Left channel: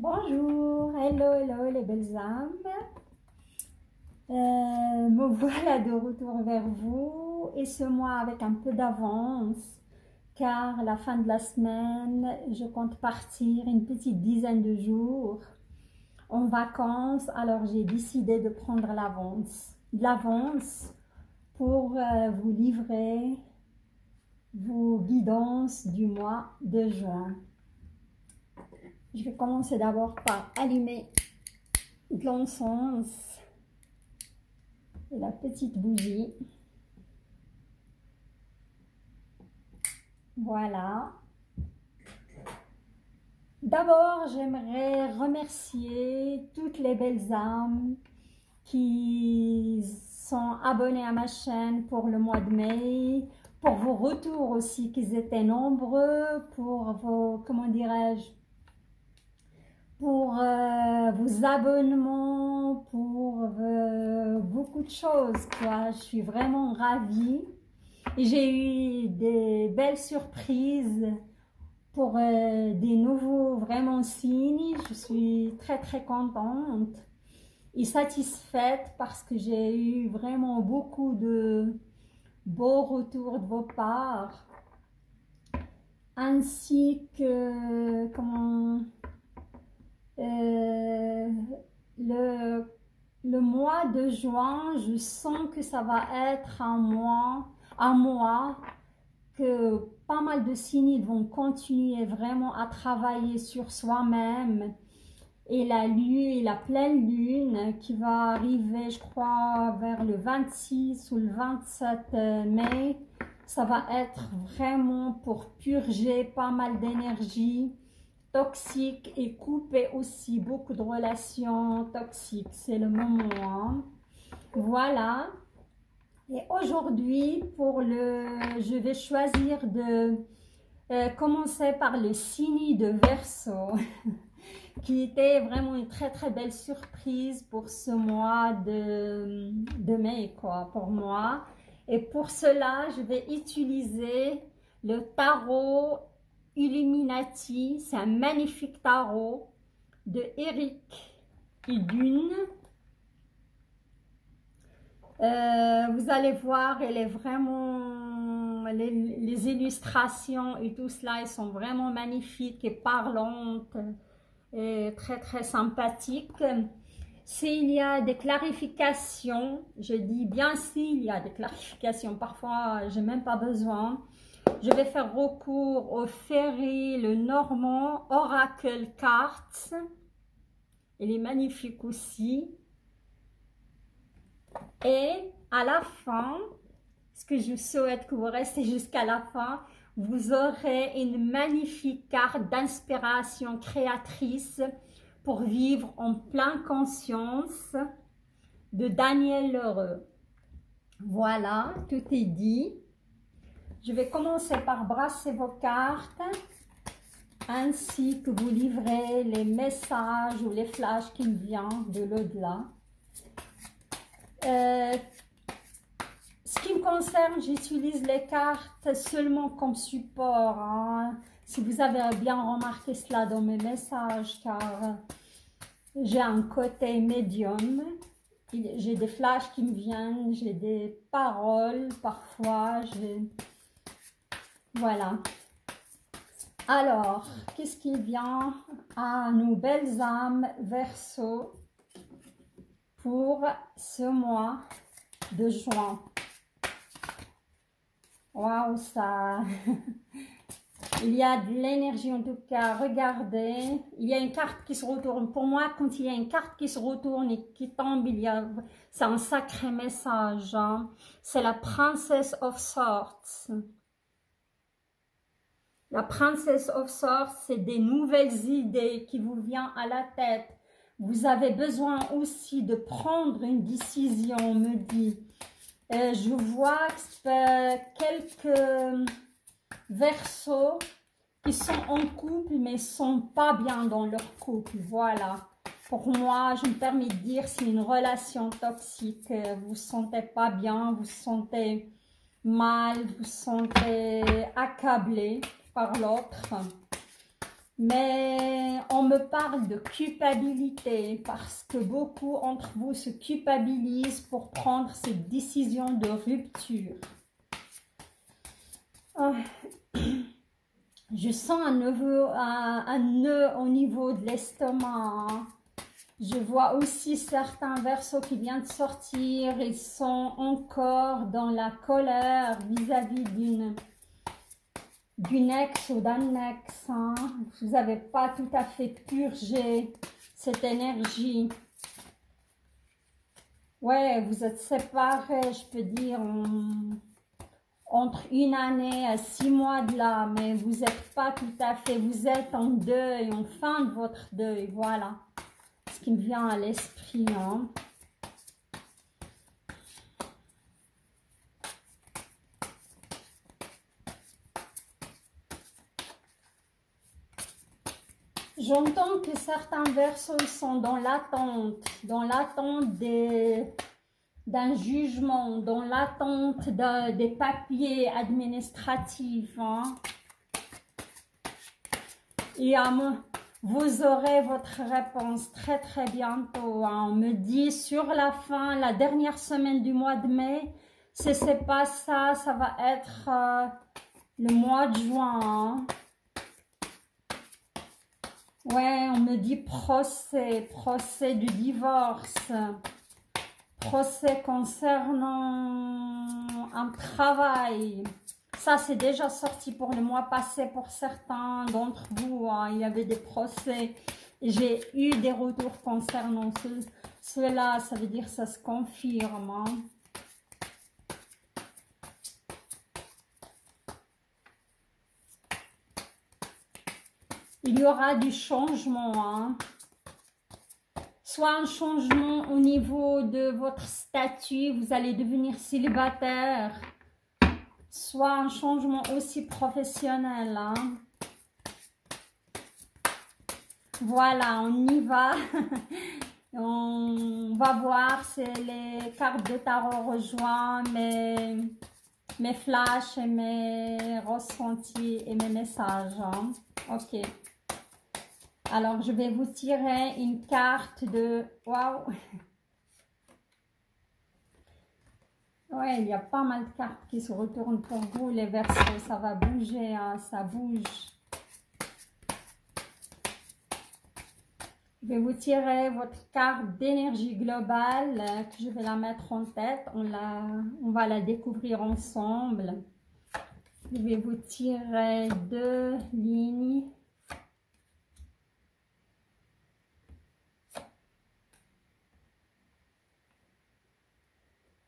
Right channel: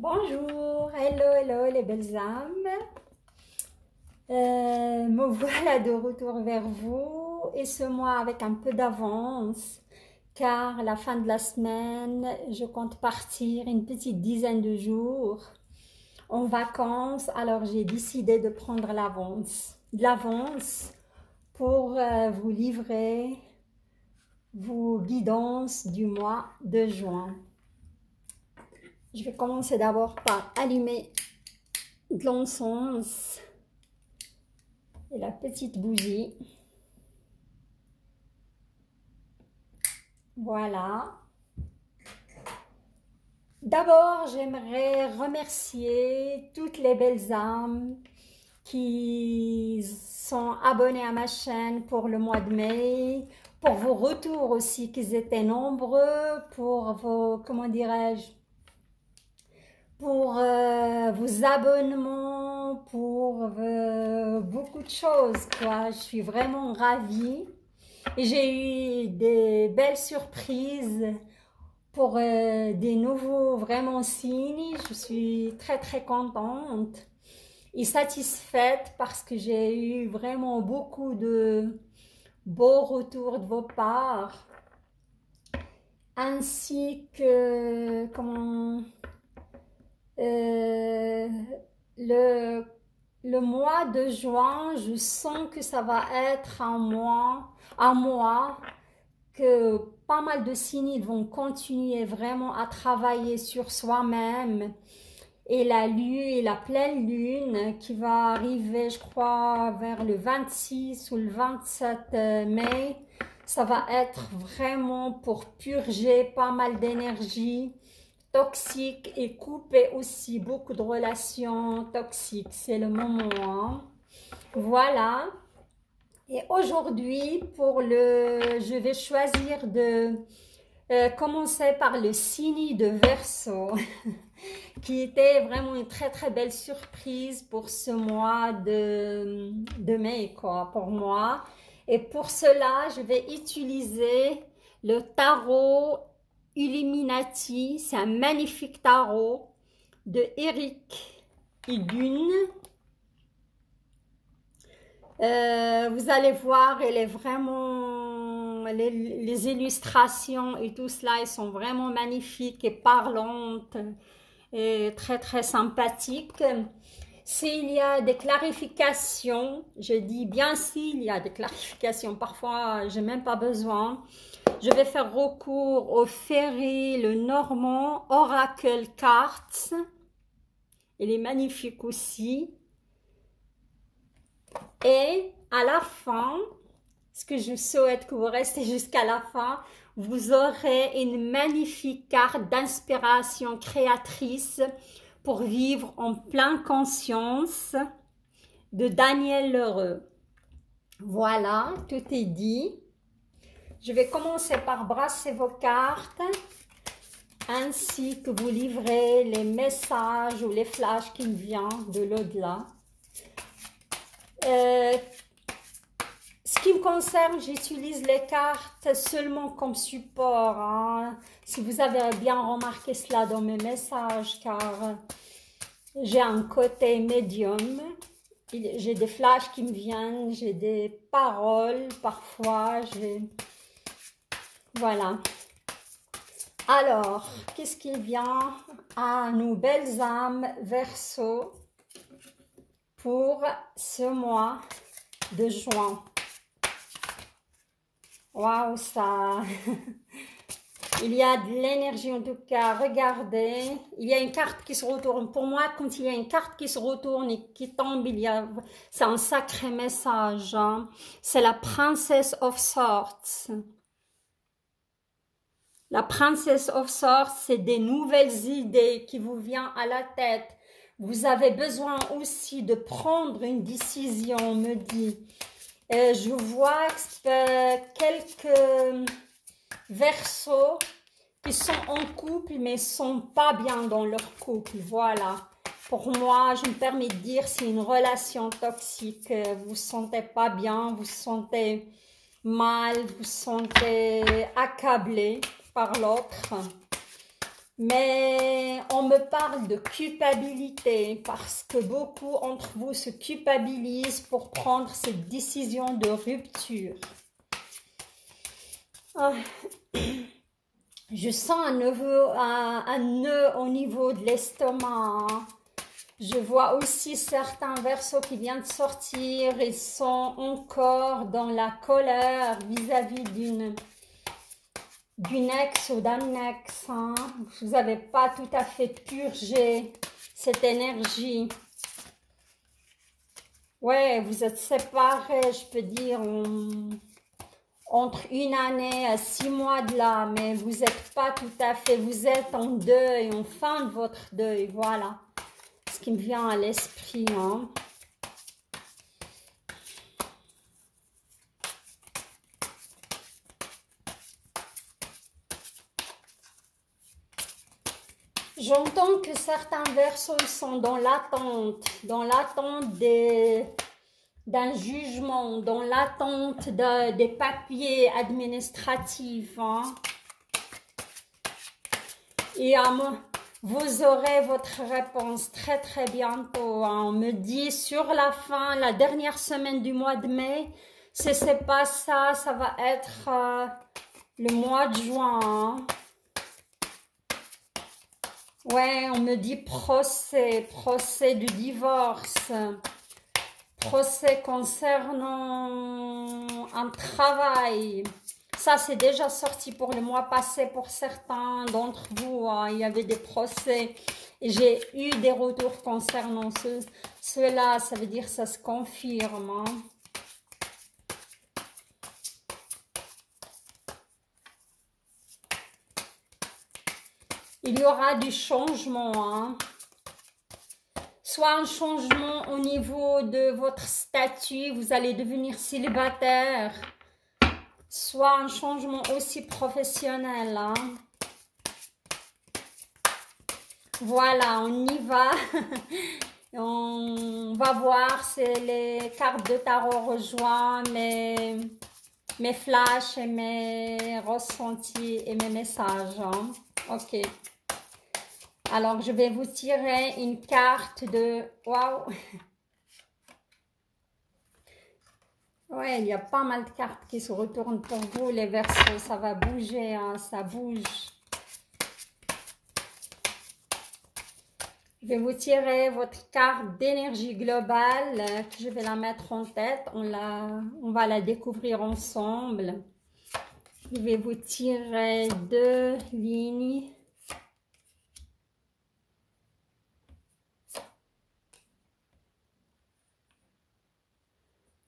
Bonjour, hello les belles âmes. Me voilà de retour vers vous et ce mois avec un peu d'avance car à la fin de la semaine, je compte partir une petite dizaine de jours en vacances. Alors j'ai décidé de prendre de l'avance pour vous livrer vos guidances du mois de juin. Je vais commencer d'abord par allumer de l'encens et la petite bougie. Voilà. D'abord, j'aimerais remercier toutes les belles âmes qui sont abonnées à ma chaîne pour le mois de mai, pour vos retours aussi, qu'ils étaient nombreux, pour vos, comment dirais-je, pour vos abonnements, pour beaucoup de choses, quoi. Je suis vraiment ravie. J'ai eu des belles surprises pour des nouveaux vraiment signes. Je suis très contente et satisfaite parce que j'ai eu vraiment beaucoup de beaux retours de vos parts, ainsi que comment le mois de juin, je sens que ça va être un mois que pas mal de signes vont continuer vraiment à travailler sur soi-même. Et la pleine lune qui va arriver, je crois, vers le 26 ou le 27 mai, ça va être vraiment pour purger pas mal d'énergie toxique et couper aussi beaucoup de relations toxiques. C'est le moment, hein? Voilà. Et aujourd'hui, je vais choisir de commencer par le signe de Verseau, qui était vraiment une très belle surprise pour ce mois de mai, quoi, pour moi. Et pour cela, je vais utiliser le tarot Illuminati. C'est un magnifique tarot de Eric Idun. Vous allez voir, elle est vraiment, les illustrations et tout cela, elles sont vraiment magnifiques et parlantes et très sympathiques. S'il y a des clarifications, je dis bien s'il y a des clarifications, parfois j'ai même pas besoin, je vais faire recours au Ferry, le Normand Oracle Cards. Il est magnifique aussi. Et à la fin, ce que je souhaite que vous restez jusqu'à la fin, vous aurez une magnifique carte d'inspiration créatrice pour vivre en pleine conscience de Daniel L'Heureux. Voilà, tout est dit. Je vais commencer par brasser vos cartes ainsi que vous livrer les messages ou les flashs qui me viennent de l'au-delà. Ce qui me concerne, j'utilise les cartes seulement comme support, hein. Si vous avez bien remarqué cela dans mes messages, car j'ai un côté médium, j'ai des flashs qui me viennent, j'ai des paroles parfois, voilà. Alors, qu'est-ce qui vient à nos belles âmes Verseau pour ce mois de juin? Waouh, ça... Il y a de l'énergie en tout cas. Regardez, il y a une carte qui se retourne. Pour moi, quand il y a une carte qui se retourne et qui tombe, c'est un sacré message, hein. C'est la Princess of Swords. La Princess of Swords, c'est des nouvelles idées qui vous viennent à la tête. Vous avez besoin aussi de prendre une décision, me dit. Je vois quelques Verseaux qui sont en couple mais ne sont pas bien dans leur couple. Voilà. Pour moi, je me permets de dire, c'est une relation toxique. Vous ne vous sentez pas bien, vous vous sentez mal, vous vous sentez accablé par l'autre. Mais mais on me parle de culpabilité parce que beaucoup d'entre vous se culpabilisent pour prendre cette décision de rupture. Je sens un nœud au niveau de l'estomac. Je vois aussi certains verseaux qui viennent de sortir. Ils sont encore dans la colère vis-à-vis d'une ex ou d'un ex. Hein. Vous n'avez pas tout à fait purgé cette énergie. Ouais, vous êtes séparés, je peux dire, entre 1 année à 6 mois de là, mais vous n'êtes pas tout à fait, vous êtes en deuil, en fin de votre deuil, voilà ce qui me vient à l'esprit. Hein. J'entends que certains verseaux sont dans l'attente d'un jugement, dans l'attente des papiers administratifs. Hein. Et vous aurez votre réponse très très bientôt. Hein. On me dit sur la fin, la dernière semaine du mois de mai, si ce n'est pas ça, ça va être le mois de juin. Hein. Ouais, on me dit procès de divorce, procès concernant un travail. Ça, c'est déjà sorti pour le mois passé pour certains d'entre vous. Hein. Il y avait des procès et j'ai eu des retours concernant cela. Ça veut dire que ça se confirme. Hein. Il y aura du changement. Hein. Soit un changement au niveau de votre statut, vous allez devenir célibataire. Soit un changement aussi professionnel. Hein. Voilà, on y va. On va voir si les cartes de tarot rejoignent mes flashs et mes ressentis et mes messages. Hein. Ok. Alors, je vais vous tirer une carte de... Waouh! Ouais, il y a pas mal de cartes qui se retournent pour vous, les verseaux. Ça va bouger, hein, ça bouge. Je vais vous tirer votre carte d'énergie globale. Je vais la mettre en tête. On va la découvrir ensemble. Je vais vous tirer 2 lignes.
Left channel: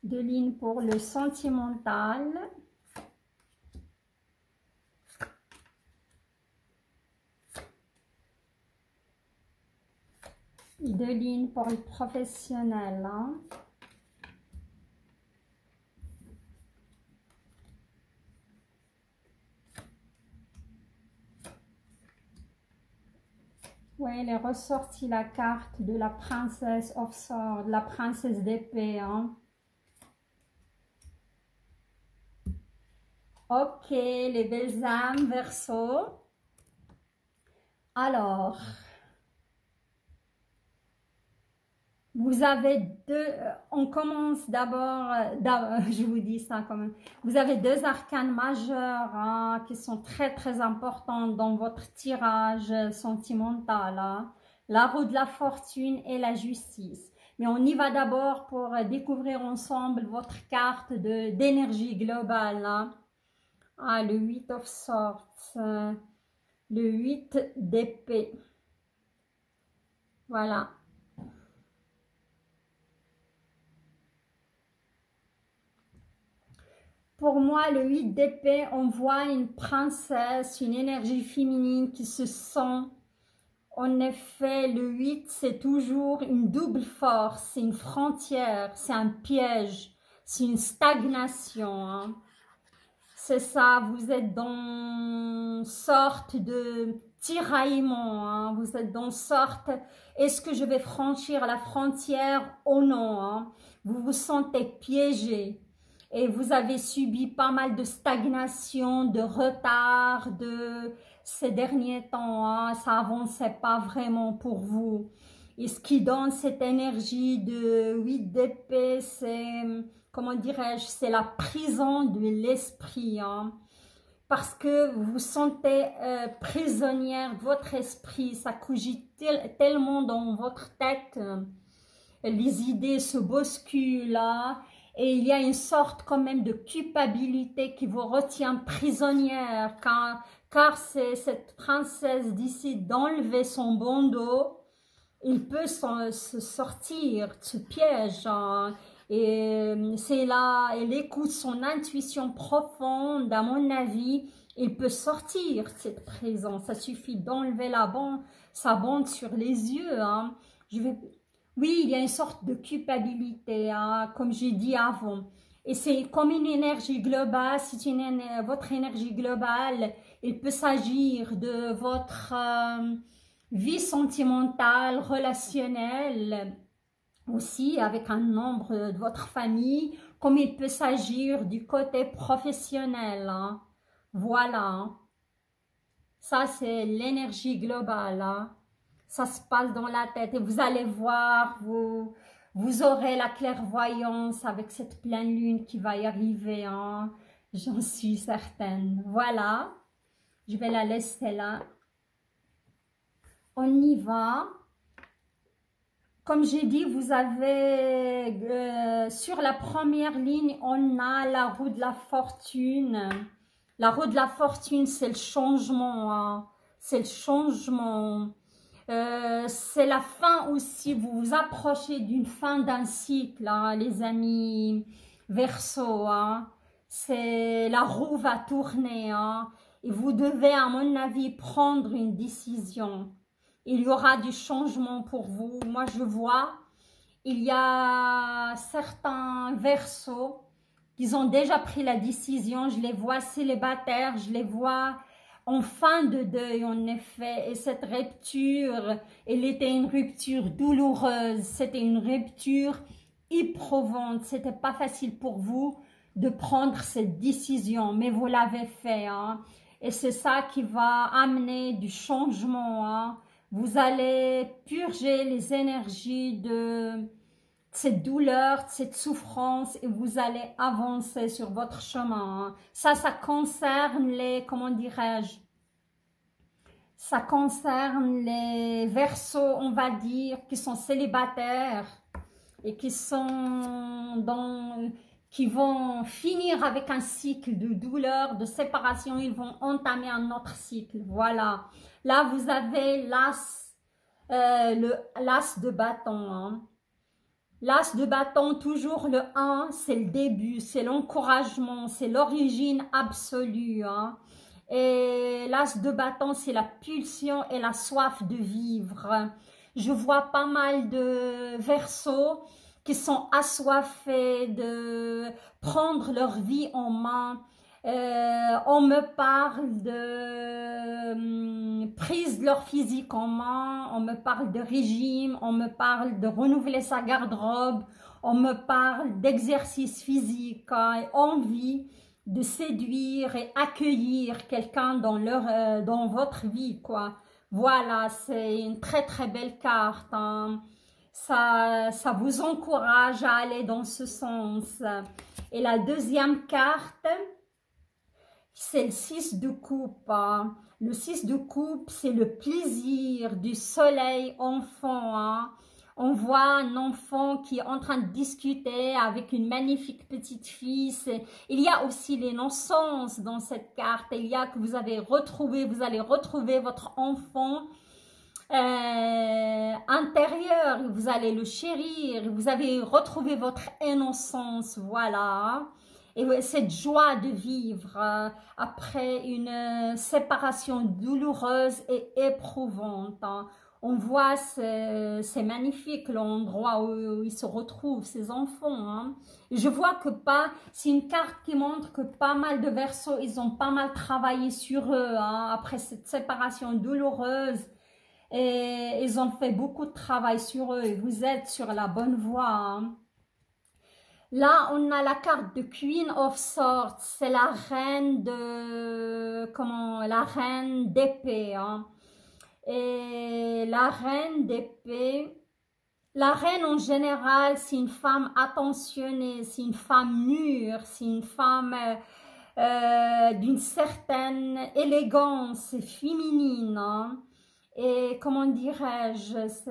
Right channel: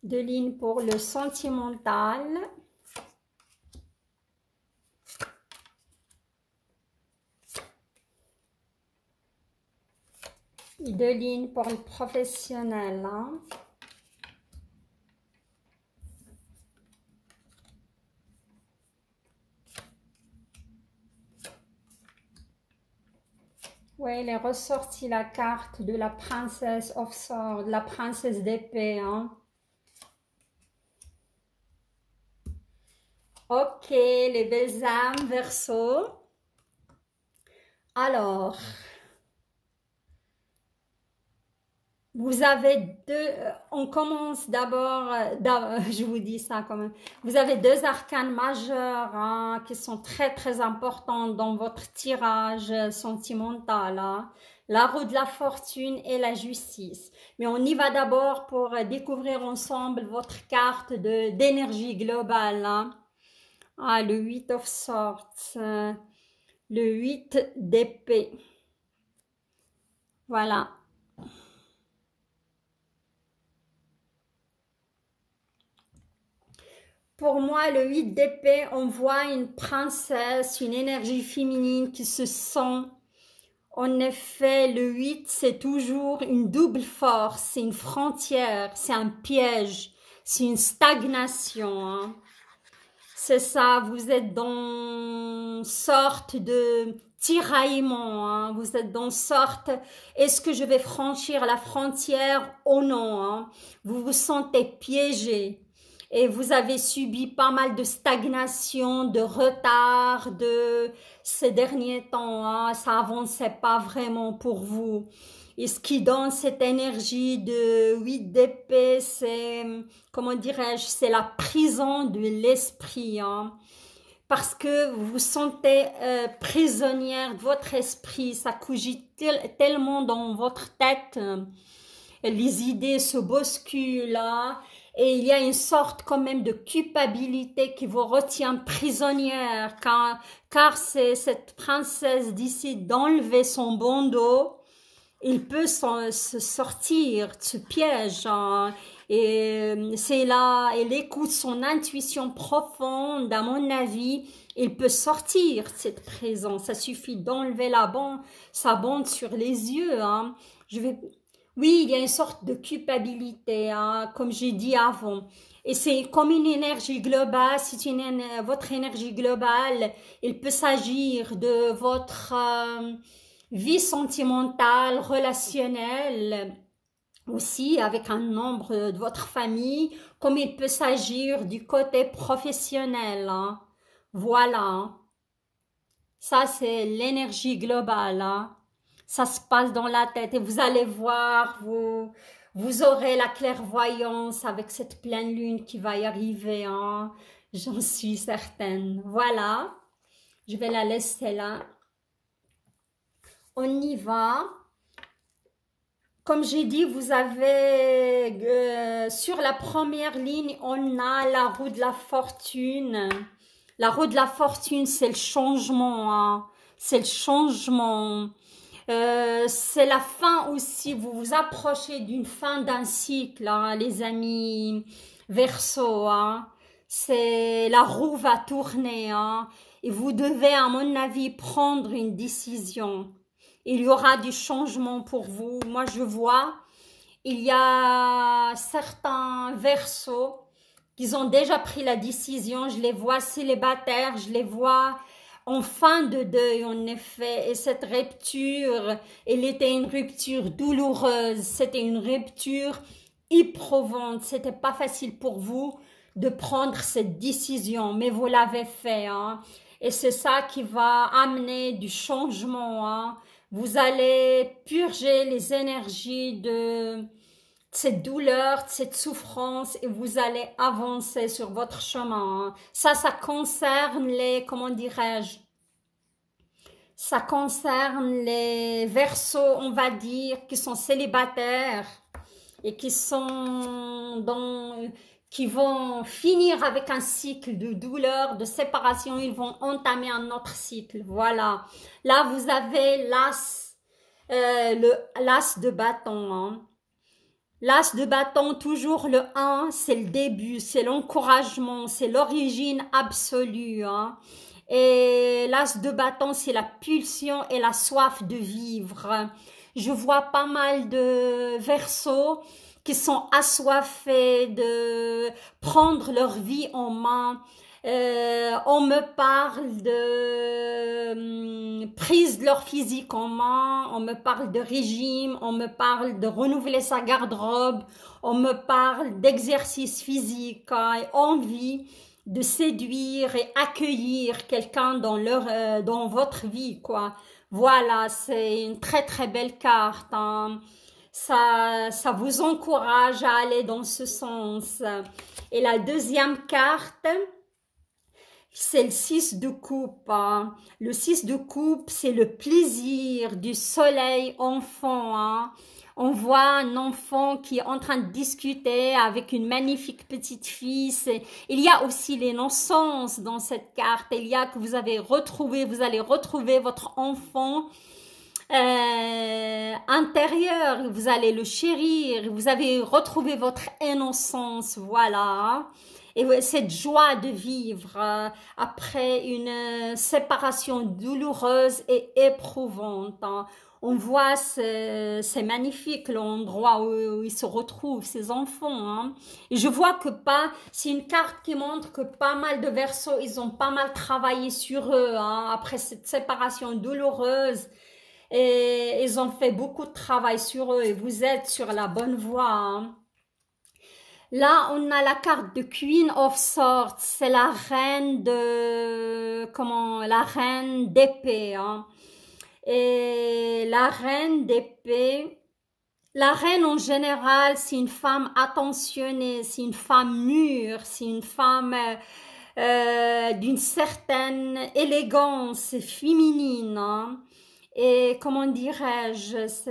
Deux lignes pour le sentimental. Et 2 lignes pour le professionnel. Hein. Oui, il est ressorti la carte de la princesse of Swords, la princesse d'épée. Hein. Ok, les belles âmes, Verseau. Alors, vous avez on commence d'abord, je vous dis ça quand même, vous avez 2 arcanes majeurs hein, qui sont très très importants dans votre tirage sentimental. Hein. La roue de la fortune et la justice. Mais on y va d'abord pour découvrir ensemble votre carte d'énergie globale. Hein. Ah, le 8 of Swords, le 8 d'épée. Voilà. Pour moi, le 8 d'épée, on voit une princesse, une énergie féminine qui se sent. En effet, le 8, c'est toujours une double force, c'est une frontière, c'est un piège, c'est une stagnation. Hein. C'est ça, vous êtes dans une sorte de tiraillement, hein. Vous êtes dans une sorte, est-ce que je vais franchir la frontière ou non? Hein. Vous vous sentez piégé. et vous avez subi pas mal de stagnation, de retard de ces derniers temps, hein. Ça avançait pas vraiment pour vous. Et ce qui donne cette énergie de 8 d'épée, c'est, comment dirais-je, c'est la prison de l'esprit, hein. Parce que vous vous sentez prisonnière de votre esprit, ça cogite tellement dans votre tête, les idées se bousculent, hein, et il y a une sorte quand même de culpabilité qui vous retient prisonnière, car c'est cette princesse décide d'enlever son bandeau. Il peut se sortir de ce piège, hein. Et c'est là, elle écoute son intuition profonde, à mon avis, il peut sortir de cette présence. Ça suffit d'enlever sa bande sur les yeux, hein. Oui, il y a une sorte de culpabilité, hein, comme j'ai dit avant. Et c'est comme une énergie globale, c'est votre énergie globale. Il peut s'agir de votre vie sentimentale, relationnelle, aussi avec un membre de votre famille, comme il peut s'agir du côté professionnel, hein. Voilà, hein. Ça c'est l'énergie globale, hein. Ça se passe dans la tête et vous allez voir, vous aurez la clairvoyance avec cette pleine lune qui va y arriver, hein. J'en suis certaine. Voilà, je vais la laisser là. On y va. Comme j'ai dit, vous avez sur la première ligne, on a la roue de la fortune. La roue de la fortune, c'est le changement, hein. C'est le changement. C'est la fin aussi. Vous vous approchez d'une fin d'un cycle, hein, les amis Verseau, hein. C'est la roue va tourner, hein, et vous devez, à mon avis, prendre une décision. Il y aura du changement pour vous. Moi, je vois, il y a certains Verseaux qui ont déjà pris la décision. Je les vois célibataires, je les vois en fin de deuil, en effet. Et cette rupture, elle était une rupture douloureuse. C'était une rupture éprouvante. C'était pas facile pour vous de prendre cette décision, mais vous l'avez fait, hein. Et c'est ça qui va amener du changement, hein. Vous allez purger les énergies de cette douleur, de cette souffrance et vous allez avancer sur votre chemin. Ça concerne les, comment dirais-je, ça concerne les Verseaux, on va dire, qui sont célibataires et qui vont finir avec un cycle de douleur, de séparation, ils vont entamer un autre cycle. Voilà. Là, vous avez l'as de bâton, hein. L'as de bâton, toujours le 1, c'est le début, c'est l'encouragement, c'est l'origine absolue, hein. Et l'as de bâton, c'est la pulsion et la soif de vivre. Je vois pas mal de Verseaux qui sont assoiffés de prendre leur vie en main. On me parle de prise de leur physique en main, on me parle de régime, on me parle de renouveler sa garde-robe, on me parle d'exercice physique, hein, et envie de séduire et accueillir quelqu'un dans votre vie, quoi. Voilà, c'est une très très belle carte, hein. Ça vous encourage à aller dans ce sens. Et la deuxième carte, c'est le 6 de coupe, hein. Le 6 de coupe, c'est le plaisir du soleil enfant, hein. On voit un enfant qui est en train de discuter avec une magnifique petite fille. Il y a aussi l'innocence dans cette carte. Il y a que vous allez retrouver votre enfant intérieur. Vous allez le chérir. Vous avez retrouvé votre innocence, voilà. Et cette joie de vivre après une séparation douloureuse et éprouvante, hein. On voit, c'est magnifique l'endroit où ils se retrouvent, ces enfants, hein. Et je vois que c'est une carte qui montre que pas mal de Verseaux, ils ont pas mal travaillé sur eux, hein, après cette séparation douloureuse. Et ils ont fait beaucoup de travail sur eux et vous êtes sur la bonne voie, hein. Là, on a la carte de Queen of Swords, c'est la reine de, comment, la reine d'épée, hein. Et la reine d'épée, la reine en général, c'est une femme attentionnée, c'est une femme mûre, c'est une femme d'une certaine élégance féminine, hein. Et comment dirais-je, c'est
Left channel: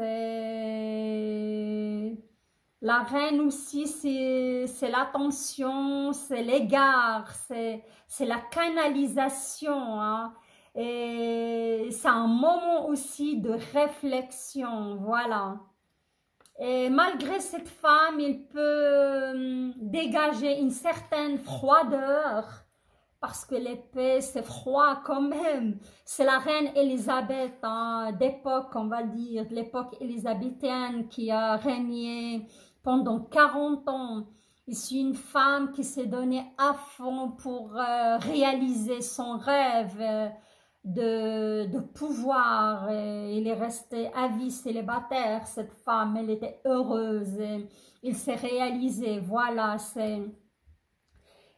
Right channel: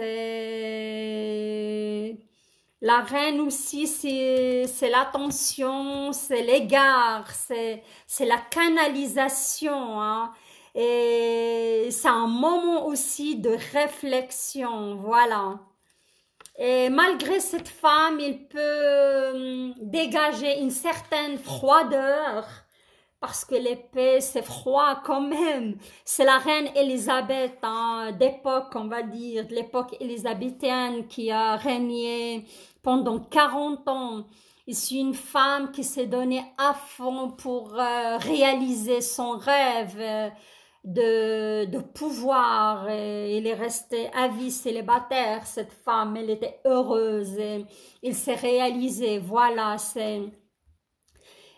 la reine aussi, c'est l'attention, c'est l'égard, c'est la canalisation, hein. Et c'est un moment aussi de réflexion, voilà. Et malgré cette femme, il peut dégager une certaine froideur, parce que l'épée, c'est froid quand même. C'est la reine Élisabeth, hein, d'époque, on va dire, de l'époque élisabéthaine qui a régné pendant 40 ans. Et c'est une femme qui s'est donnée à fond pour réaliser son rêve de pouvoir. Et il est resté à vie célibataire, cette femme. Elle était heureuse et il s'est réalisé. Voilà, c'est...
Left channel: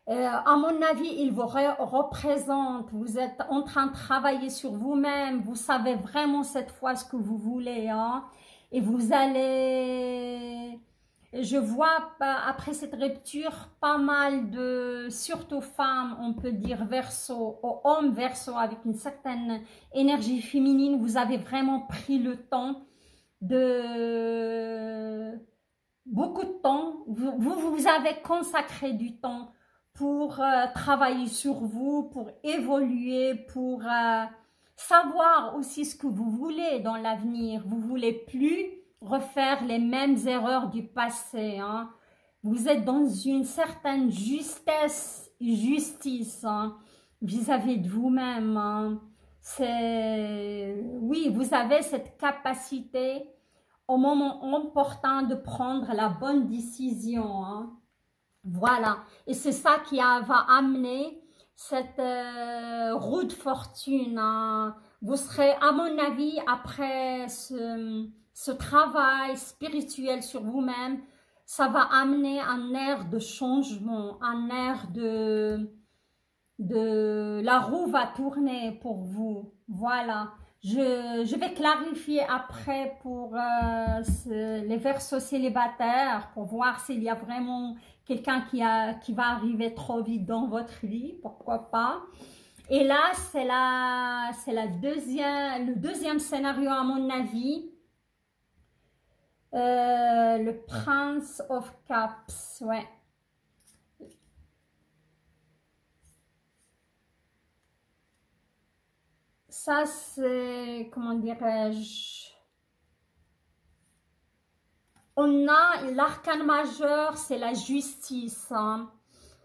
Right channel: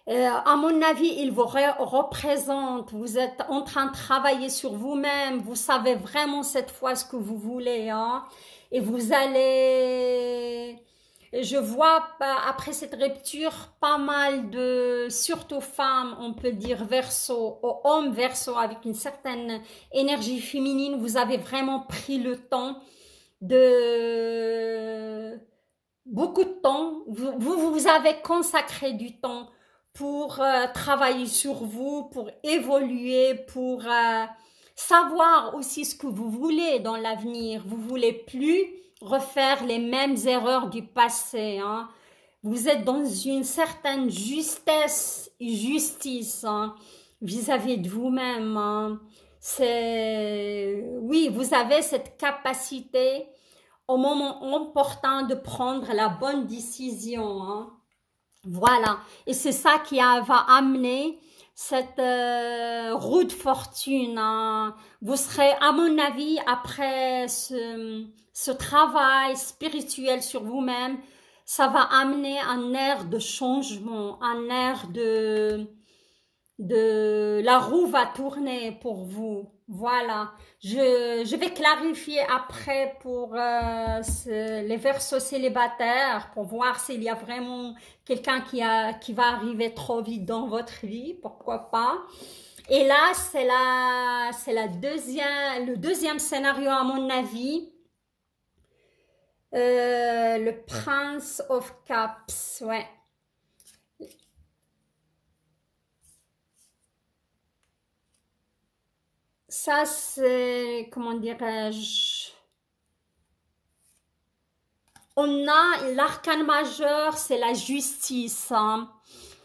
à mon avis, il vous représente, vous êtes en train de travailler sur vous-même, vous savez vraiment cette fois ce que vous voulez, hein, et vous allez, je vois après cette rupture, pas mal de, surtout femmes, on peut dire Verseau, hommes Verseau avec une certaine énergie féminine, vous avez vraiment pris le temps de, beaucoup de temps, vous avez consacré du temps pour travailler sur vous, pour évoluer, pour savoir aussi ce que vous voulez dans l'avenir. Vous ne voulez plus refaire les mêmes erreurs du passé, hein. Vous êtes dans une certaine justice, hein, vis-à-vis de vous-même, hein. Oui, vous avez cette capacité au moment opportun de prendre la bonne décision, hein. Voilà, et c'est ça qui va amener cette roue de fortune, hein. Vous serez, à mon avis, après ce travail spirituel sur vous-même, ça va amener un air de changement, un air la roue va tourner pour vous. Voilà. Je vais clarifier après pour les Verseaux célibataires pour voir s'il y a vraiment quelqu'un qui va arriver trop vite dans votre vie, pourquoi pas. Et là, c'est le deuxième scénario à mon avis. Le Prince of Cups, ouais. Ça, c'est, comment dirais-je, on a l'arcane majeur, c'est la justice, hein.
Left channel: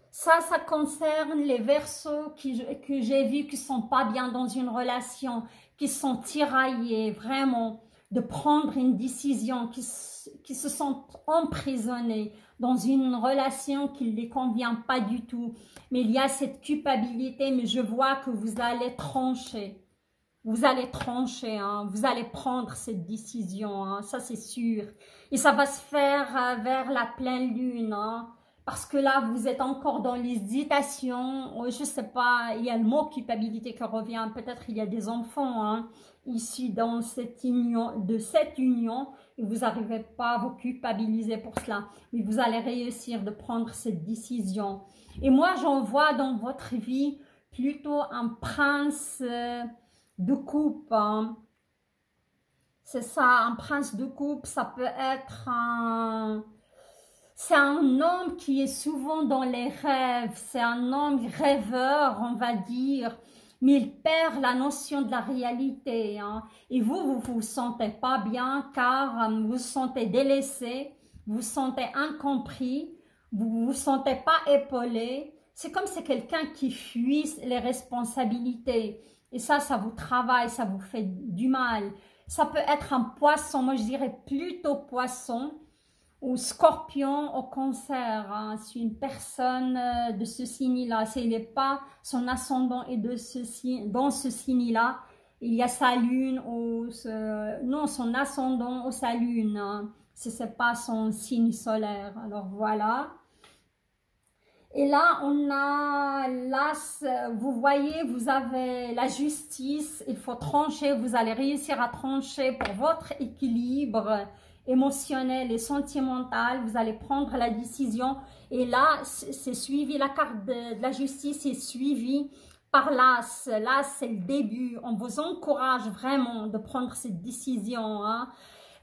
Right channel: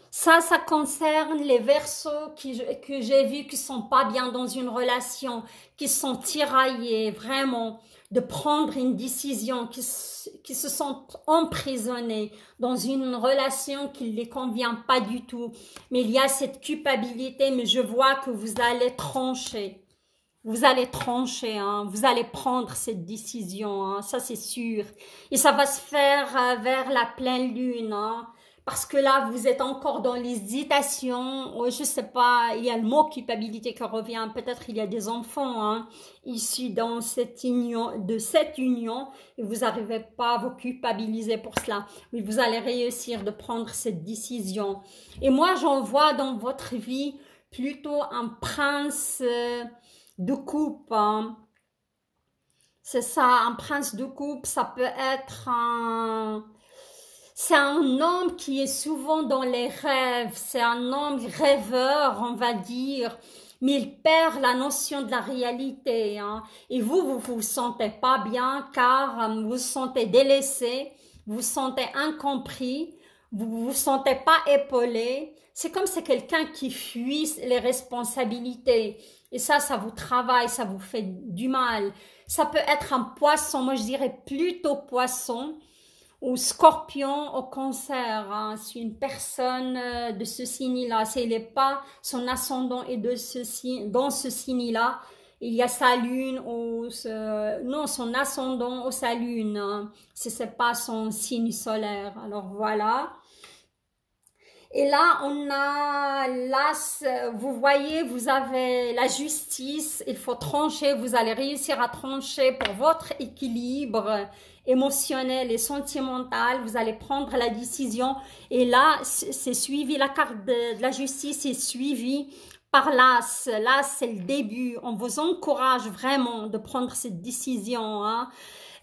Ça concerne les Verseaux que j'ai vus qui sont pas bien dans une relation, qui sont tiraillés, vraiment, de prendre une décision, qui se sentent emprisonnés dans une relation qui ne les convient pas du tout. Mais il y a cette culpabilité, mais je vois que vous allez trancher. Vous allez trancher, hein, vous allez prendre cette décision, hein, ça c'est sûr. Et ça va se faire vers la pleine lune, hein, parce que là, vous êtes encore dans l'hésitation. Oh, je ne sais pas, il y a le mot culpabilité qui revient. Peut-être il y a des enfants, hein, issus dans cette union, et vous n'arrivez pas à vous culpabiliser pour cela. Mais vous allez réussir de prendre cette décision. Et moi, j'en vois dans votre vie plutôt un prince... de coupe, hein. C'est ça, un prince de coupe, ça peut être un... C'est un homme qui est souvent dans les rêves, c'est un homme rêveur, on va dire, mais il perd la notion de la réalité, hein. Et vous vous sentez pas bien car vous vous sentez délaissé, vous vous sentez incompris, vous vous sentez pas épaulé. C'est comme c'est quelqu'un qui fuit les responsabilités. Et ça vous travaille, ça vous fait du mal. Ça peut être un poisson, moi je dirais plutôt poisson ou scorpion au cancer, hein. C'est une personne de ce signe-là. S'il n'est pas son ascendant est dans ce signe-là, il y a sa lune ou non, son ascendant ou sa lune, hein. Si ce n'est pas son signe solaire. Alors voilà. Et là, on a l'as, vous voyez, vous avez la justice, il faut trancher, vous allez réussir à trancher pour votre équilibre émotionnel et sentimental, vous allez prendre la décision. Et là, c'est suivi, la carte de la justice est suivie par l'as. L'as, c'est le début. On vous encourage vraiment de prendre cette décision, hein.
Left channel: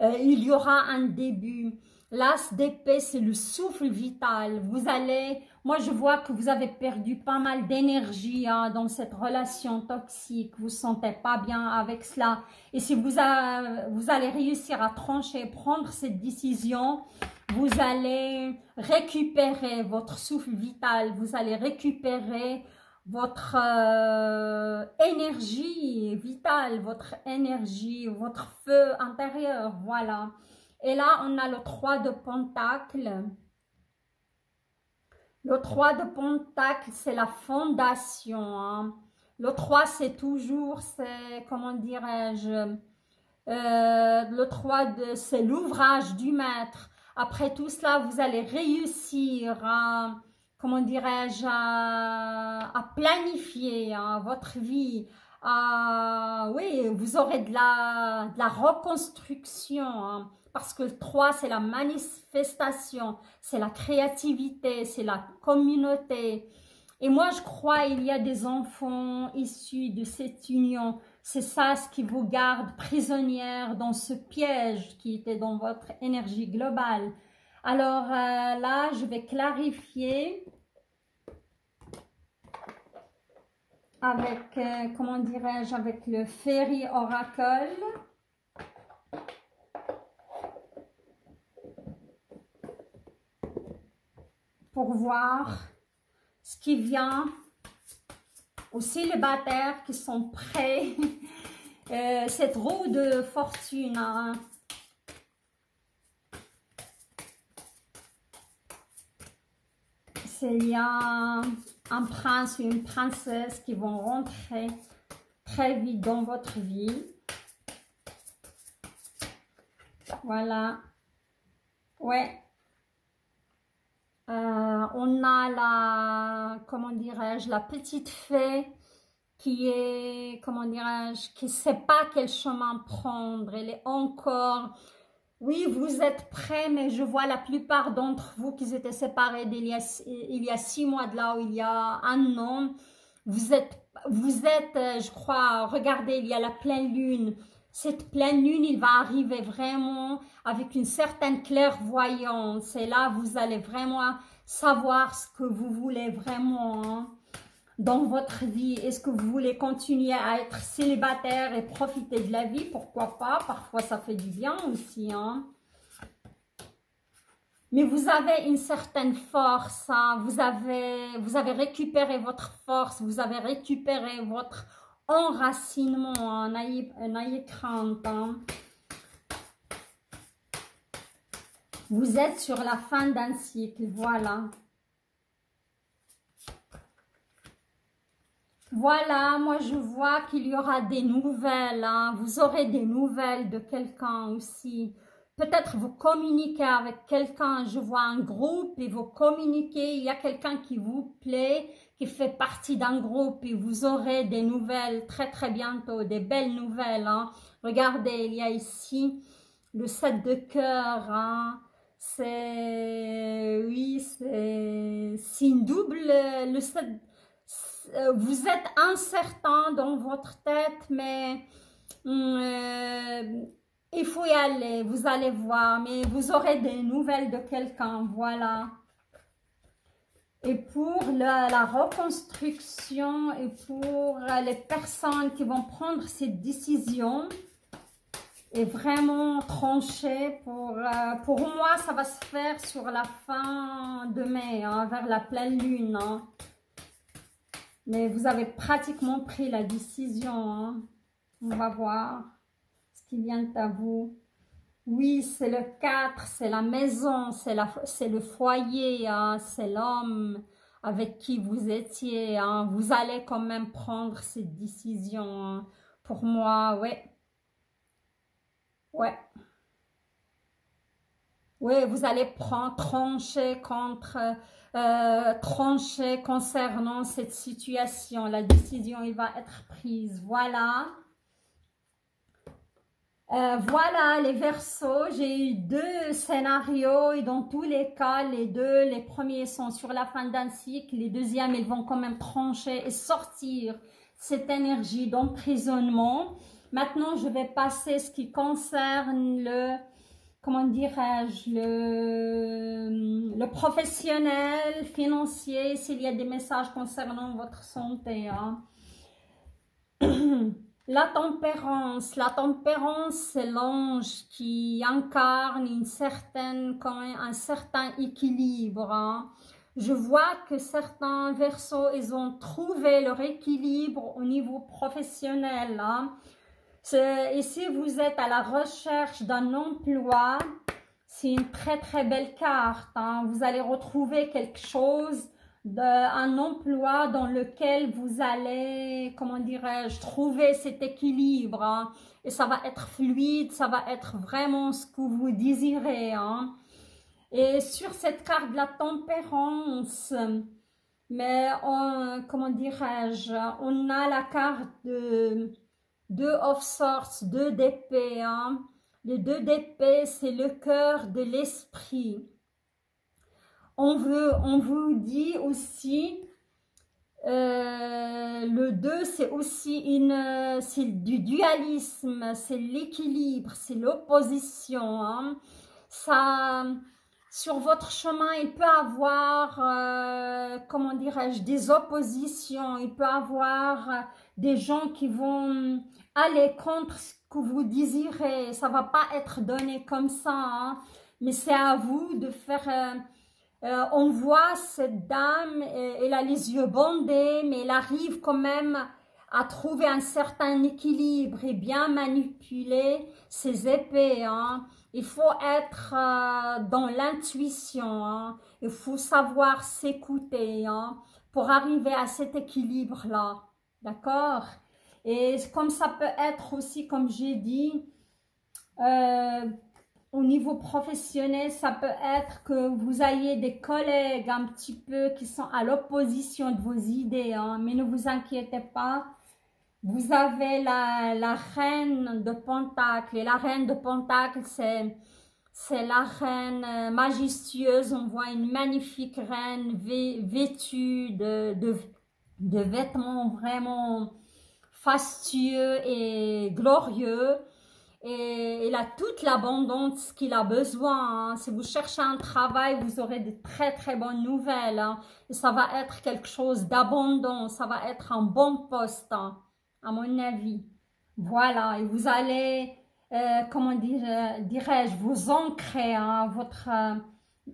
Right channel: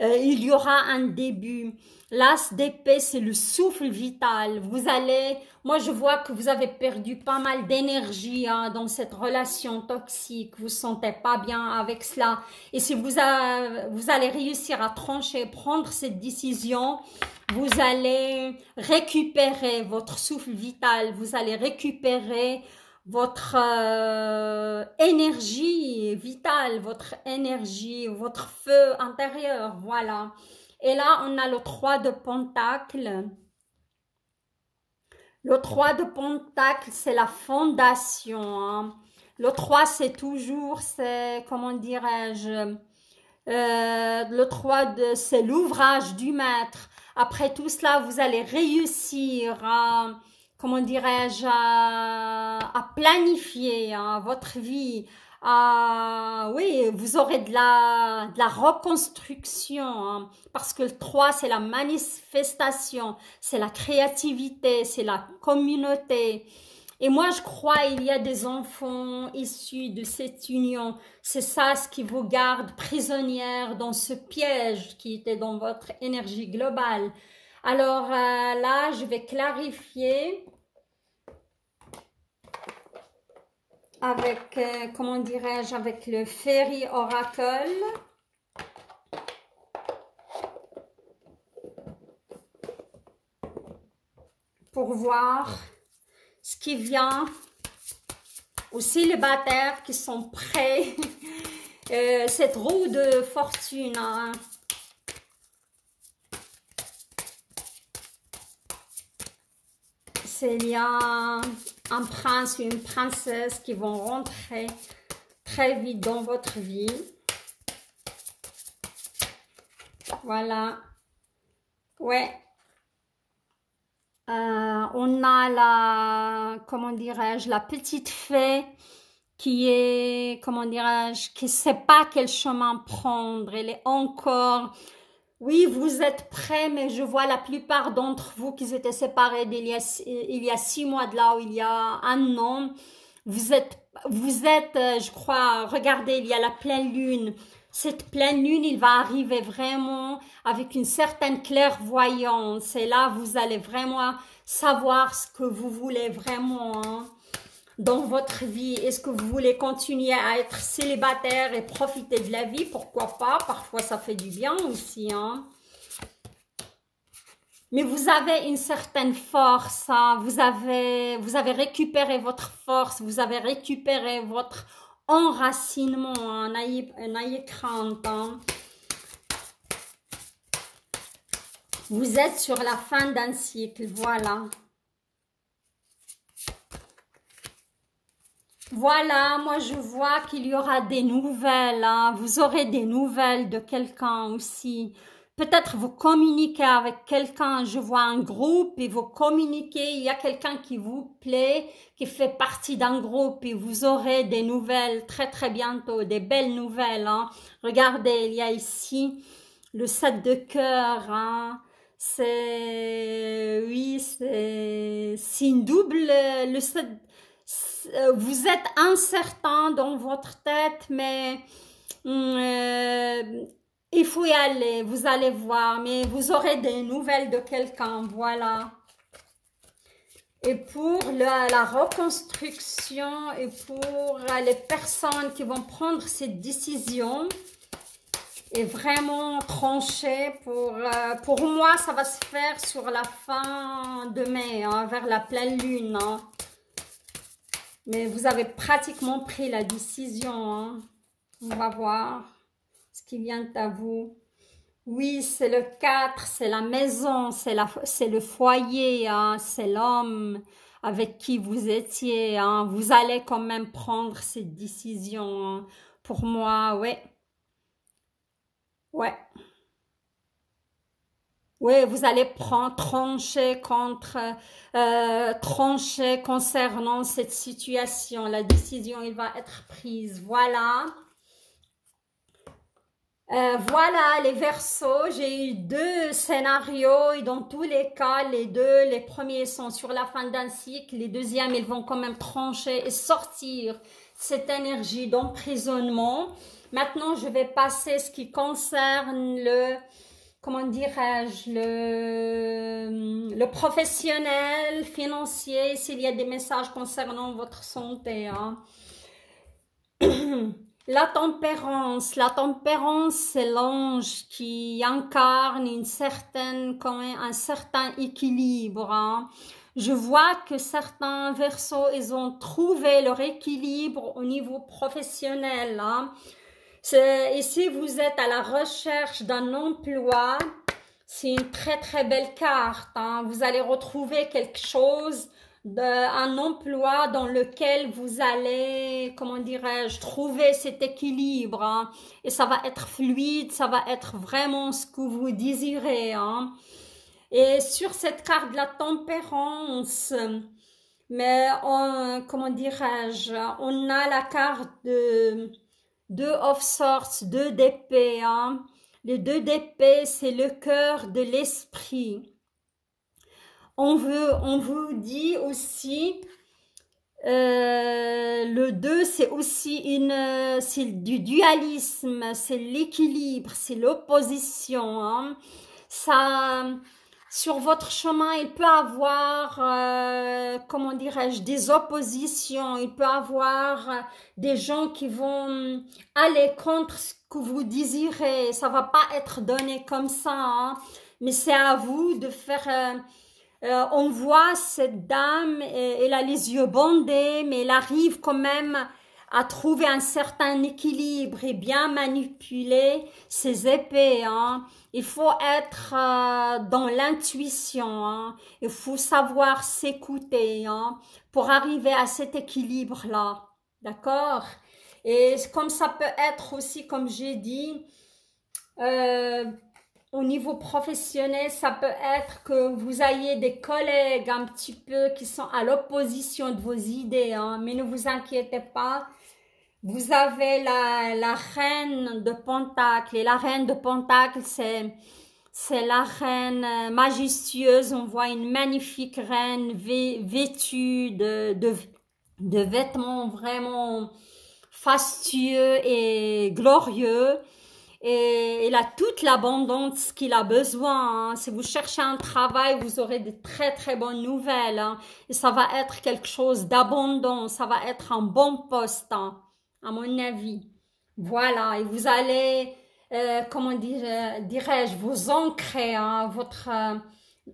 Il y aura un début. L'as d'épée, c'est le souffle vital. Vous allez, moi je vois que vous avez perdu pas mal d'énergie, hein, dans cette relation toxique. Vous ne vous sentez pas bien avec cela. Et si vous allez réussir à trancher, prendre cette décision, vous allez récupérer votre souffle vital. Vous allez récupérer votre énergie vitale, votre énergie, votre feu intérieur, voilà. Et là, on a le 3 de Pentacle. Le 3 de Pentacle, c'est la fondation, hein. Le 3, c'est toujours, c'est, comment dirais-je, le 3, c'est l'ouvrage du maître. Après tout cela, vous allez réussir à, comment dirais-je, à planifier, hein, votre vie. Oui, vous aurez de la reconstruction, hein, parce que le 3, c'est la manifestation, c'est la créativité, c'est la communauté. Et moi, je crois il y a des enfants issus de cette union. C'est ça ce qui vous garde prisonnière dans ce piège qui était dans votre énergie globale. Alors là, je vais clarifier avec, comment dirais-je, avec le Fairy Oracle. Pour voir ce qui vient aux célibataires qui sont prêts. Cette roue de fortune, hein. Il y a un prince ou une princesse qui vont rentrer très vite dans votre vie. Voilà. Ouais. On a la, comment dirais-je, la petite fée qui est, comment dirais-je, qui ne sait pas quel chemin prendre. Elle est encore, oui, vous êtes prêts, mais je vois la plupart d'entre vous qui étaient séparés il y a 6 mois de là, ou il y a un an. Vous êtes, je crois, regardez, il y a la pleine lune. Cette pleine lune, il va arriver vraiment avec une certaine clairvoyance. Et là, vous allez vraiment savoir ce que vous voulez vraiment, hein, dans votre vie. Est-ce que vous voulez continuer à être célibataire et profiter de la vie? Pourquoi pas? Parfois, ça fait du bien aussi, hein. Mais vous avez une certaine force, hein. Vous avez récupéré votre force, vous avez récupéré votre enracinement, hein. N'ayez crainte, hein. Vous êtes sur la fin d'un cycle, voilà. Voilà, moi je vois qu'il y aura des nouvelles, hein. Vous aurez des nouvelles de quelqu'un aussi. Peut-être vous communiquez avec quelqu'un, je vois un groupe et vous communiquez, il y a quelqu'un qui vous plaît, qui fait partie d'un groupe et vous aurez des nouvelles très très bientôt, des belles nouvelles, hein. Regardez, il y a ici le 7 de cœur, hein. C'est, oui, c'est une double, le 7, vous êtes incertain dans votre tête, mais il faut y aller, vous allez voir, mais vous aurez des nouvelles de quelqu'un, voilà. Et pour la reconstruction et pour les personnes qui vont prendre cette décision et vraiment trancher, pour moi, ça va se faire sur la fin de mai, hein, vers la pleine lune, hein. Mais vous avez pratiquement pris la décision, hein. On va voir ce qui vient à vous. Oui, c'est le 4, c'est la maison, c'est le foyer, hein, c'est l'homme avec qui vous étiez, hein. Vous allez quand même prendre cette décision, hein. Pour moi, ouais. Ouais. Oui, vous allez prendre, trancher concernant cette situation. La décision, il va être prise. Voilà. Voilà les Verseaux, j'ai eu deux scénarios et dans tous les cas, les premiers sont sur la fin d'un cycle, les deuxièmes, ils vont quand même trancher et sortir cette énergie d'emprisonnement. Maintenant, je vais passer ce qui concerne le, comment dirais-je, le professionnel, financier, s'il y a des messages concernant votre santé, hein. La tempérance, c'est l'ange qui incarne un certain équilibre, hein. Je vois que certains Verseaux, ils ont trouvé leur équilibre au niveau professionnel, hein. Et si vous êtes à la recherche d'un emploi, c'est une très très belle carte, hein. Vous allez retrouver quelque chose, un emploi dans lequel vous allez, comment dirais-je, trouver cet équilibre, hein. Et ça va être fluide, ça va être vraiment ce que vous désirez, hein. Et sur cette carte de la tempérance, mais comment dirais-je, on a la carte de 2 of Swords, 2 d'épée, hein. Les 2 d'épée, c'est le cœur de l'esprit. On vous dit aussi, le 2, c'est aussi c'est du dualisme, c'est l'équilibre, c'est l'opposition, hein. Ça, sur votre chemin, il peut avoir, comment dirais-je, des oppositions, il peut avoir des gens qui vont aller contre ce que vous désirez. Ça va pas être donné comme ça, hein, mais c'est à vous de faire... on voit cette dame, elle a les yeux bandés, mais elle arrive quand même à trouver un certain équilibre et bien manipuler ses épées, hein. Il faut être dans l'intuition, hein. Il faut savoir s'écouter, hein, pour arriver à cet équilibre-là. D'accord? Et comme ça peut être aussi, comme j'ai dit, au niveau professionnel, ça peut être que vous ayez des collègues un petit peu qui sont à l'opposition de vos idées, hein, mais ne vous inquiétez pas. Vous avez la reine de Pentacle, et la reine de Pentacle, c'est la reine majestueuse. On voit une magnifique reine vêtue de vêtements vraiment fastueux et glorieux. Et il a toute l'abondance qu'il a besoin, hein. Si vous cherchez un travail, vous aurez de très très bonnes nouvelles, hein. Et ça va être quelque chose d'abondant, ça va être un bon poste, hein, à mon avis. Voilà, et vous allez, comment dirais-je, vous ancrer, hein,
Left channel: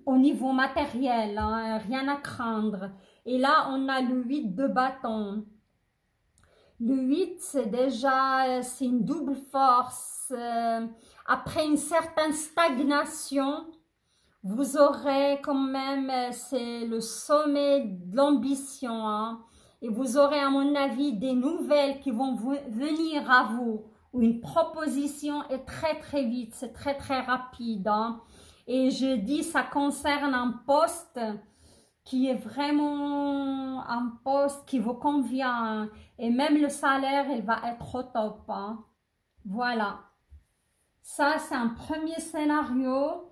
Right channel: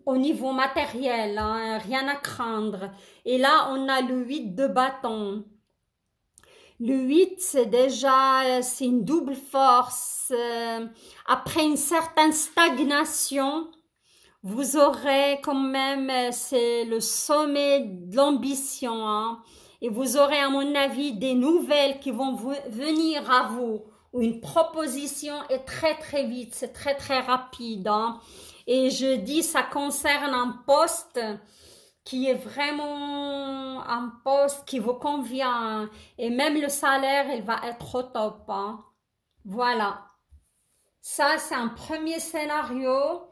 au niveau matériel, hein, rien à craindre. Et là, on a le 8 de bâton. Le 8, c'est déjà, c'est une double force. Après une certaine stagnation, vous aurez quand même, c'est le sommet de l'ambition, hein. Et vous aurez, à mon avis, des nouvelles qui vont venir à vous. Ou une proposition est très très vite, c'est très très rapide, hein. Et je dis, ça concerne un poste qui est vraiment un poste qui vous convient, hein. Et même le salaire, il va être au top, hein. Voilà. Ça, c'est un premier scénario.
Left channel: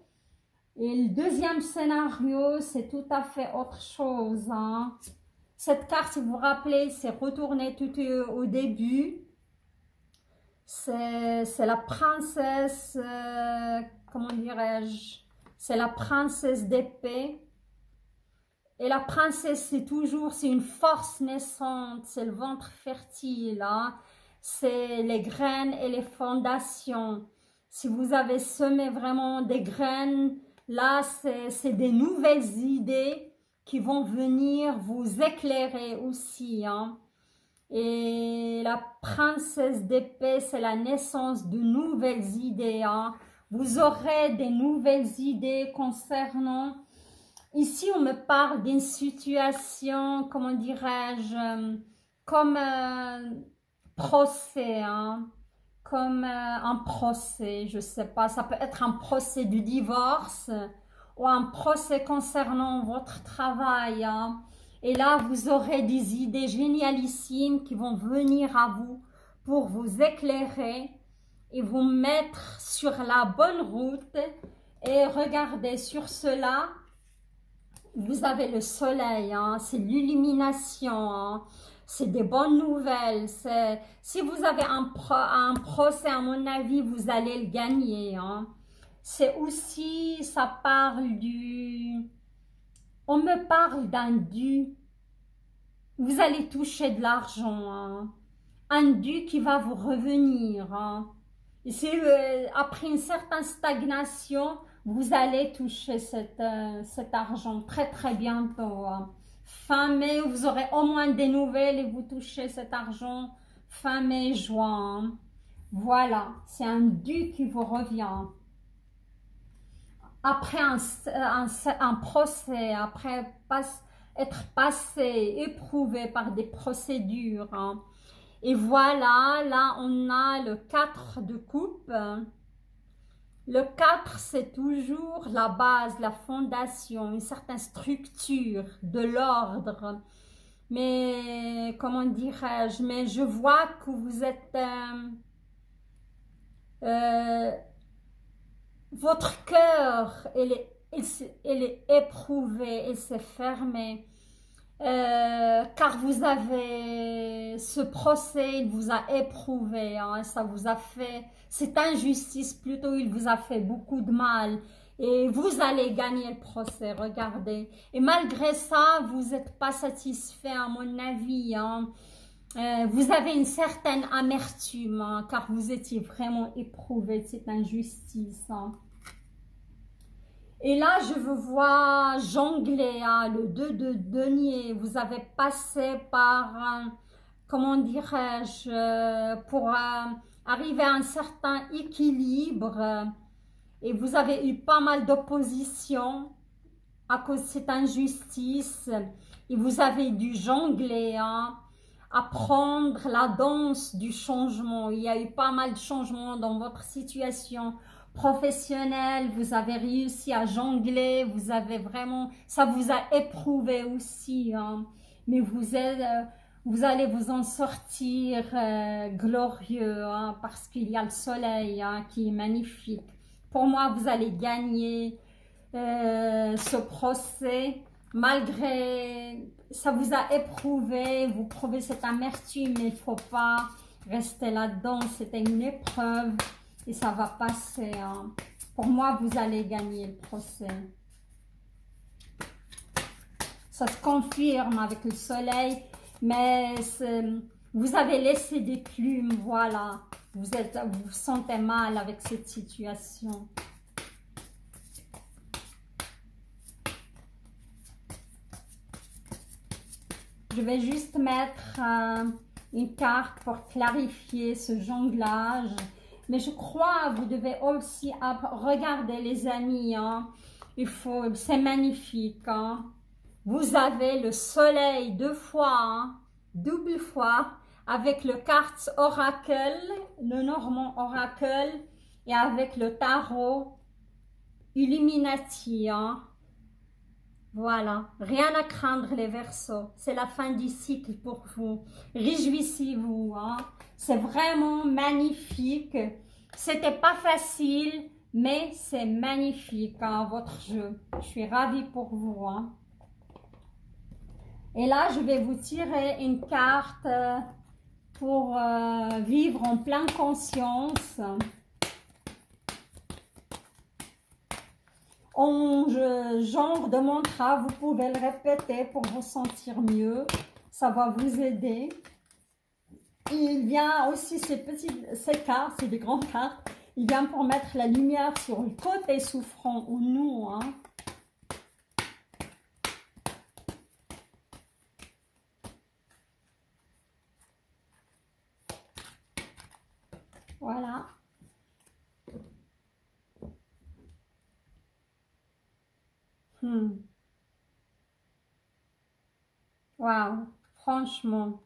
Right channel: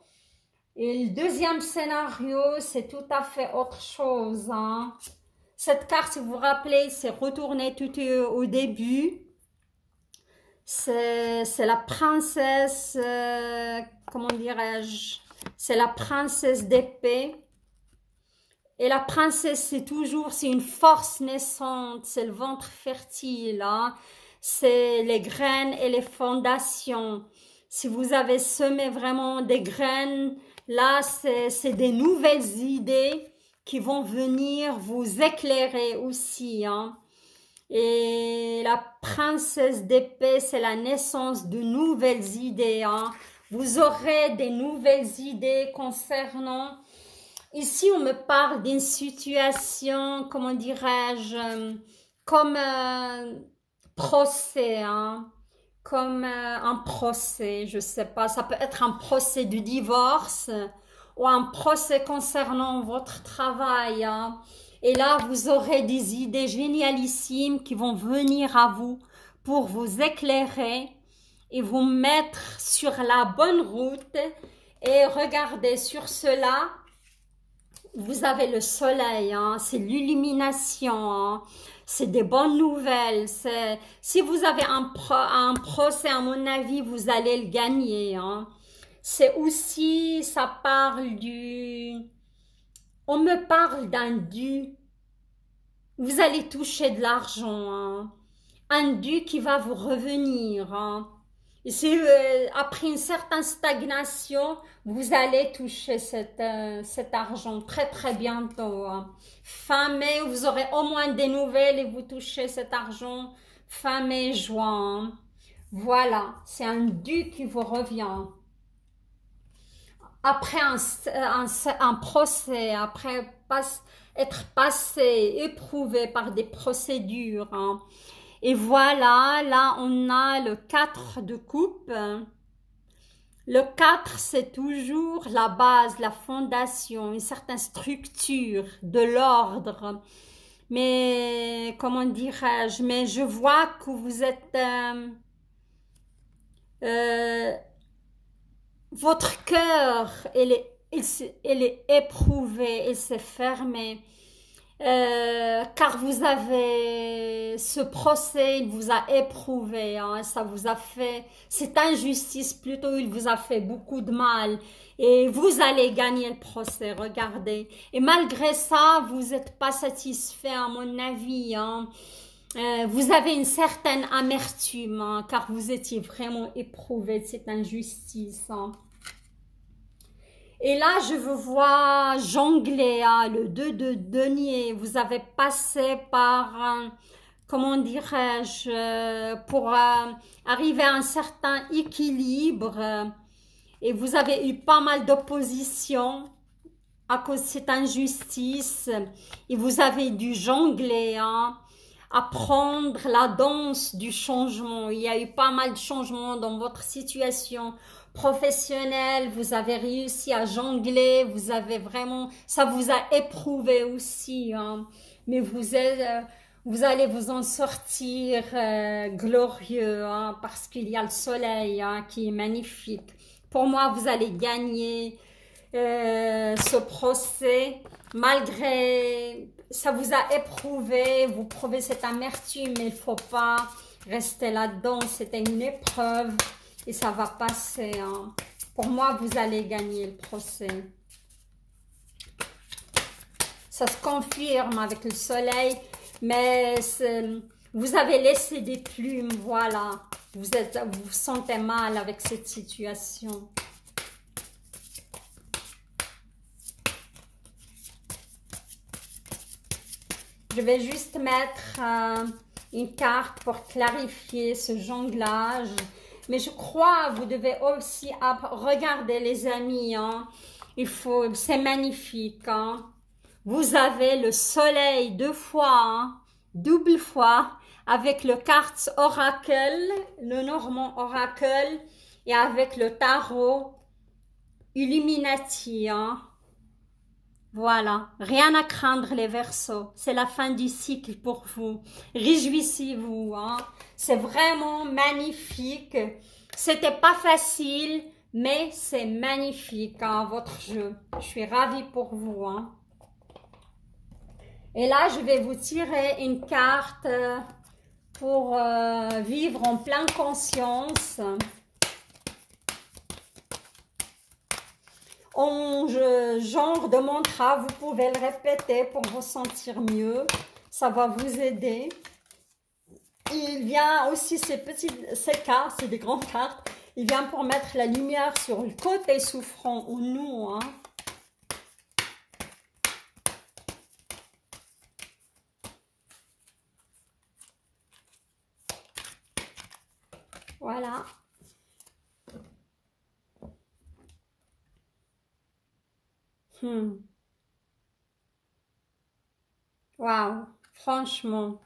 Et le deuxième scénario, c'est tout à fait autre chose, hein. Cette carte, si vous vous rappelez, c'est retourné tout au début. C'est la princesse, comment dirais-je, c'est la princesse d'épée. Et la princesse, c'est une force naissante, c'est le ventre fertile, hein. C'est les graines et les fondations. Si vous avez semé vraiment des graines, là, c'est des nouvelles idées qui vont venir vous éclairer aussi, hein. Et la princesse d'épée, c'est la naissance de nouvelles idées, hein. Vous aurez des nouvelles idées concernant... Ici, on me parle d'une situation, comment dirais-je, comme un procès, hein, comme un procès, je sais pas, ça peut être un procès de divorce ou un procès concernant votre travail, hein. Et là, vous aurez des idées génialissimes qui vont venir à vous pour vous éclairer et vous mettre sur la bonne route. Et regardez, sur cela, vous avez le soleil, hein, c'est l'illumination, hein, c'est des bonnes nouvelles. Si vous avez un procès, à mon avis, vous allez le gagner, hein. C'est aussi, ça parle du... On me parle d'un dû. Vous allez toucher de l'argent, hein. Un dû qui va vous revenir, hein. Et c'est après une certaine stagnation, vous allez toucher cet argent très très bientôt, hein. Fin mai, vous aurez au moins des nouvelles et vous touchez cet argent fin mai, juin, hein. Voilà, c'est un dû qui vous revient. Après un procès, après être passé, éprouvé par des procédures, hein. Et voilà, là on a le 4 de coupe. Le 4, c'est toujours la base, la fondation, une certaine structure, de l'ordre. Mais, comment dirais-je, mais je vois que vous êtes... votre cœur, il est éprouvé, il s'est fermé. Car vous avez ce procès, il vous a éprouvé, hein, ça vous a fait, cette injustice plutôt, il vous a fait beaucoup de mal et vous allez gagner le procès, regardez. Et malgré ça, vous n'êtes pas satisfait à mon avis, hein. Vous avez une certaine amertume, hein, car vous étiez vraiment éprouvé de cette injustice, hein. Et là, je vous vois jongler, hein, le 2 de denier. Vous avez passé par, comment dirais-je, pour arriver à un certain équilibre. Et vous avez eu pas mal d'opposition à cause de cette injustice. Et vous avez dû jongler, hein, apprendre la danse du changement. Il y a eu pas mal de changements dans votre situation professionnelle, vous avez réussi à jongler, vous avez vraiment, ça vous a éprouvé aussi, hein. Mais vous allez vous en sortir glorieux, hein, parce qu'il y a le soleil, hein, qui est magnifique. Pour moi, vous allez gagner ce procès, malgré ça vous a éprouvé, vous prouvez cette amertume, mais il ne faut pas rester là-dedans, c'était une épreuve. Et ça va passer, hein. Pour moi, vous allez gagner le procès. Ça se confirme avec le soleil, mais vous avez laissé des plumes, voilà. Vous vous sentez mal avec cette situation. Je vais juste mettre une carte pour clarifier ce jonglage. Mais je crois, vous devez aussi regarder les amis, hein. C'est magnifique, hein. Vous avez le soleil 2 fois, hein, double fois, avec le carte oracle, le normand oracle, et avec le tarot Illuminati, hein. Voilà, rien à craindre les Verseaux, c'est la fin du cycle pour vous. Réjouissez-vous, hein. C'est vraiment magnifique. C'était pas facile, mais c'est magnifique, hein, votre jeu. Je suis ravie pour vous, hein. Et là, je vais vous tirer une carte pour vivre en pleine conscience. Genre de mantra, vous pouvez le répéter pour vous sentir mieux. Ça va vous aider. Il vient aussi, ces cartes, c'est des grandes cartes. Il vient pour mettre la lumière sur le côté souffrant ou nous, hein. Voilà. Waouh, franchement.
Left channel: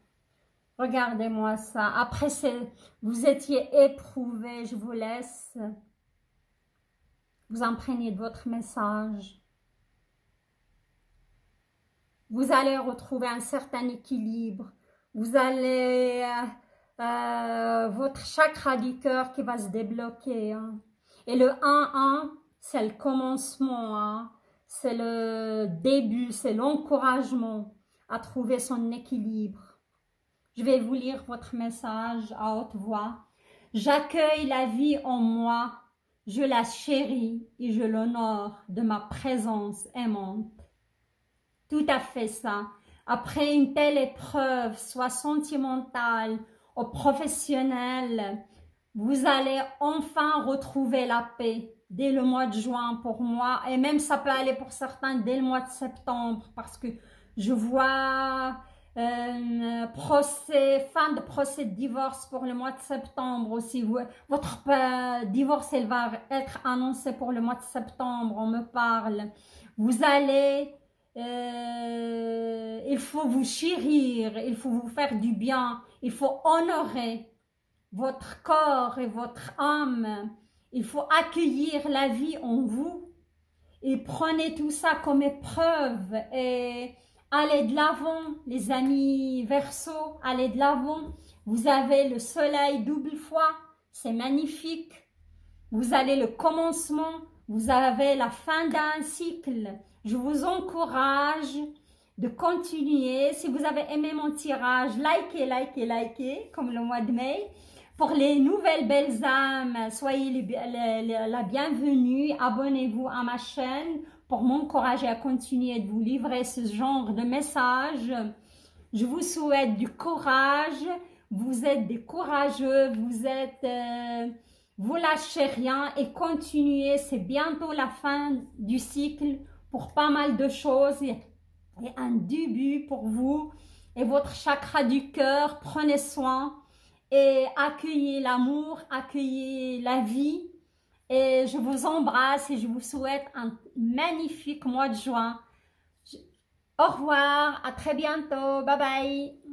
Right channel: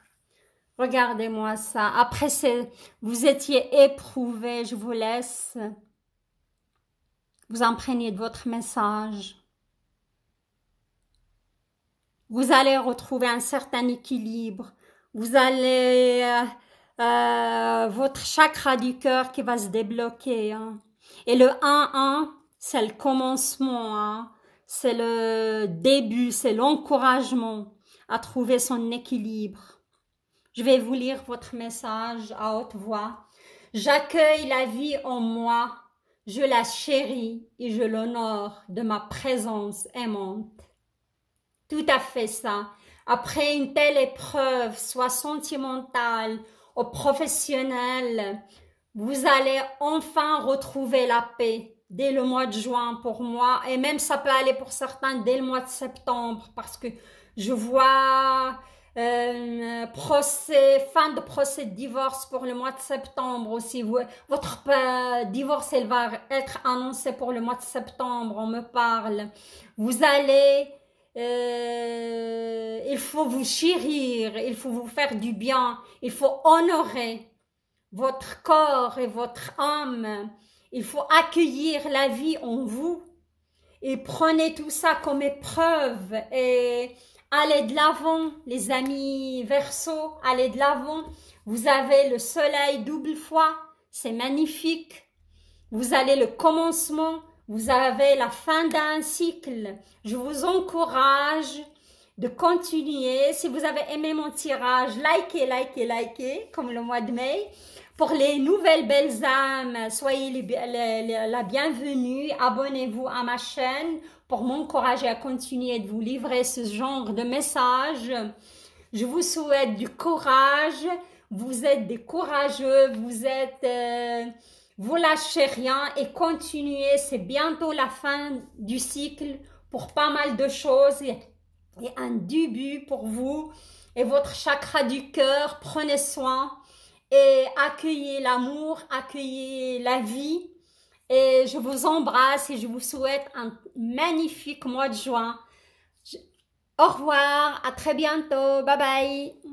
Regardez-moi ça. Après, vous étiez éprouvé. Je vous laisse vous imprégner de votre message. Vous allez retrouver un certain équilibre. Vous allez... votre chakra du cœur qui va se débloquer. Hein. Et le 1-1, c'est le commencement. Hein. C'est le début, c'est l'encouragement à trouver son équilibre. Je vais vous lire votre message à haute voix. J'accueille la vie en moi, je la chéris et je l'honore de ma présence aimante. Tout à fait ça. Après une telle épreuve, soit sentimentale ou professionnelle, vous allez enfin retrouver la paix dès le mois de juin pour moi. Et même ça peut aller pour certains dès le mois de septembre parce que je vois... fin de procès de divorce pour le mois de septembre aussi. Votre divorce, elle va être annoncé pour le mois de septembre, on me parle. Vous allez, il faut vous chérir, il faut vous faire du bien, il faut honorer votre corps et votre âme. Il faut accueillir la vie en vous et prenez tout ça comme épreuve et allez de l'avant, les amis Verseau, allez de l'avant. Vous avez le soleil double fois, c'est magnifique. Vous avez le commencement, vous avez la fin d'un cycle. Je vous encourage de continuer. Si vous avez aimé mon tirage, likez, likez, likez, comme le mois de mai. Pour les nouvelles belles âmes, soyez la bienvenue. Abonnez-vous à ma chaîne pour m'encourager à continuer de vous livrer ce genre de messages. Je vous souhaite du courage. Vous êtes des courageux. Vous lâchez rien et continuez. C'est bientôt la fin du cycle pour pas mal de choses et un début pour vous et votre chakra du cœur. Prenez soin et accueillez l'amour, accueillez la vie. Et je vous embrasse et je vous souhaite un magnifique mois de juin. Au revoir, à très bientôt, bye bye.